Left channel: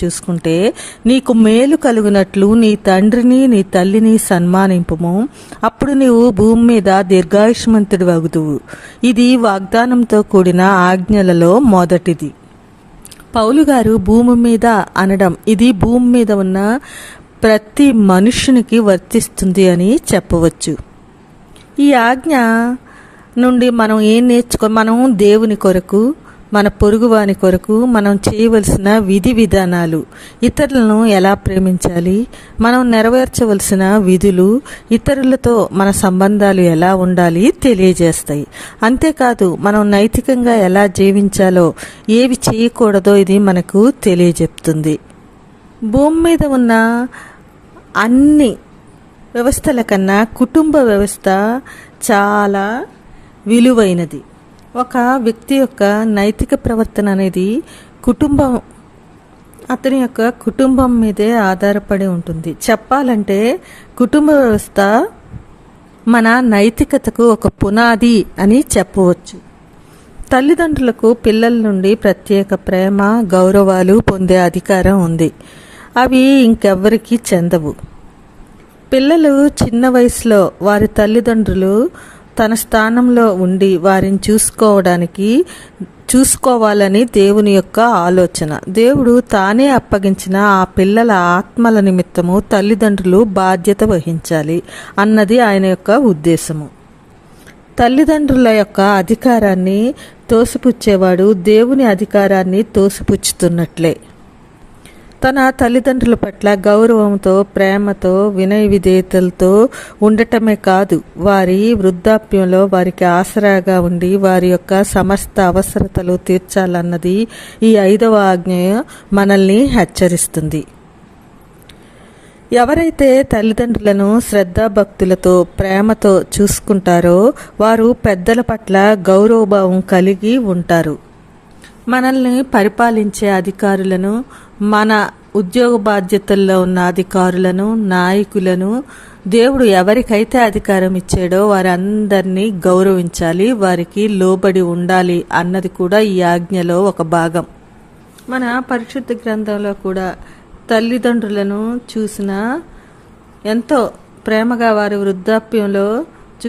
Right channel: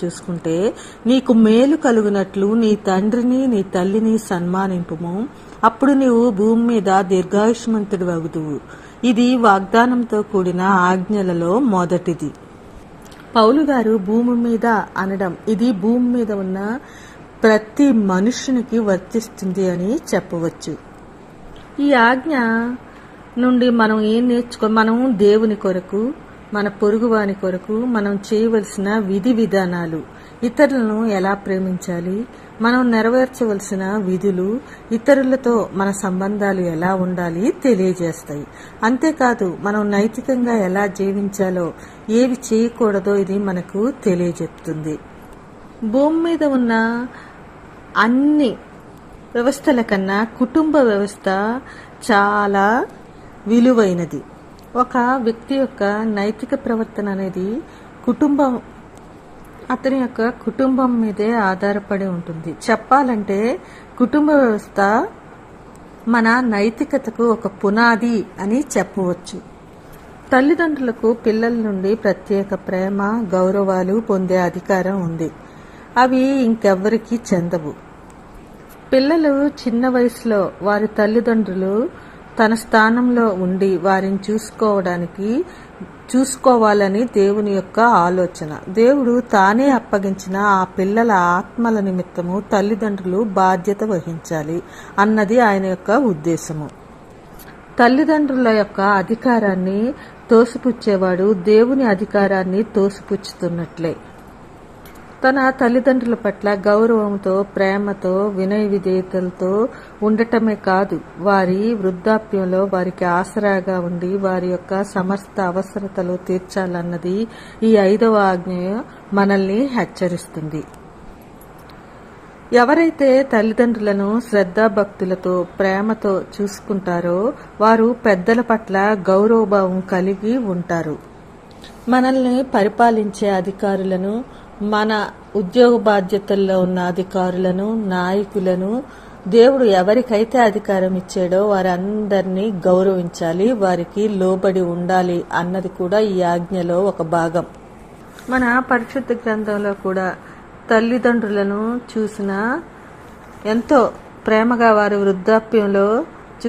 చూసుకుంటే నీకు మేలు కలుగునట్లు నీ తండ్రిని నీ తల్లిని సన్మానింపుము, అప్పుడు నీవు భూమి మీద దీర్ఘాయుష్మంతుడు వగుదువు. ఇది వాగ్దానంతో కూడిన ఆజ్ఞలలో మొదటిది. పౌలు గారు భూమి మీద అనడం ఇది భూమి మీద ఉన్న ప్రతి మనుష్యునికి వర్తిస్తుంది అని చెప్పవచ్చు. ఈ ఆజ్ఞ నుండి మనం ఏం మనం దేవుని కొరకు, మన పొరుగువాని కొరకు మనం చేయవలసిన విధి విధానాలు, ఇతరులను ఎలా ప్రేమించాలి, మనం నెరవేర్చవలసిన విధులు, ఇతరులతో మన సంబంధాలు ఎలా ఉండాలి తెలియజేస్తాయి. అంతేకాదు మనం నైతికంగా ఎలా జీవించాలో, ఏవి చేయకూడదో ఇది మనకు తెలియజెప్తుంది. భూమి మీద ఉన్న అన్ని వ్యవస్థల కన్నా కుటుంబ వ్యవస్థ చాలా విలువైనది. ఒక వ్యక్తి యొక్క నైతిక ప్రవర్తన అనేది అతని యొక్క కుటుంబం మీదే ఆధారపడి ఉంటుంది. చెప్పాలంటే కుటుంబ వ్యవస్థ మన నైతికతకు ఒక పునాది అని చెప్పవచ్చు. తల్లిదండ్రులకు పిల్లల నుండి ప్రత్యేక ప్రేమ, గౌరవాలు పొందే అధికారం ఉంది. అవి ఇంకెవ్వరికీ చెందవు. పిల్లలు చిన్న వయసులో వారి తల్లిదండ్రులు తన స్థానంలో ఉండి వారిని చూసుకోవాలని దేవుని యొక్క ఆలోచన. దేవుడు తానే అప్పగించిన ఆ పిల్లల ఆత్మల నిమిత్తము తల్లిదండ్రులు బాధ్యత వహించాలి అన్నది ఆయన యొక్క ఉద్దేశము. తల్లిదండ్రుల యొక్క అధికారాన్ని తోసిపుచ్చేవాడు దేవుని అధికారాన్ని తోసిపుచ్చుతున్నట్లే. తన తల్లిదండ్రుల పట్ల గౌరవంతో, ప్రేమతో, వినయ విధేయతలతో ఉండటమే కాదు, వారి వృద్ధాప్యంలో వారికి ఆసరాగా ఉండి వారి యొక్క సమస్త అవసరతలు తీర్చాలన్నది ఈ 5వ ఆజ్ఞ మనల్ని హెచ్చరిస్తుంది. ఎవరైతే తల్లిదండ్రులను శ్రద్ధాభక్తులతో, ప్రేమతో చూసుకుంటారో వారు పెద్దల పట్ల గౌరవభావం కలిగి ఉంటారు. మనల్ని పరిపాలించే అధికారులను, మన ఉద్యోగ బాధ్యతల్లో ఉన్న అధికారులను, నాయకులను దేవుడు ఎవరికైతే అధికారం ఇచ్చాడో వారందరినీ గౌరవించాలి, వారికి లోబడి ఉండాలి అన్నది కూడా ఈ ఆజ్ఞలో ఒక భాగం. మన పరిశుద్ధ గ్రంథంలో కూడా తల్లిదండ్రులను చూసిన ఎంతో ప్రేమగా వారి వృద్ధాప్యంలో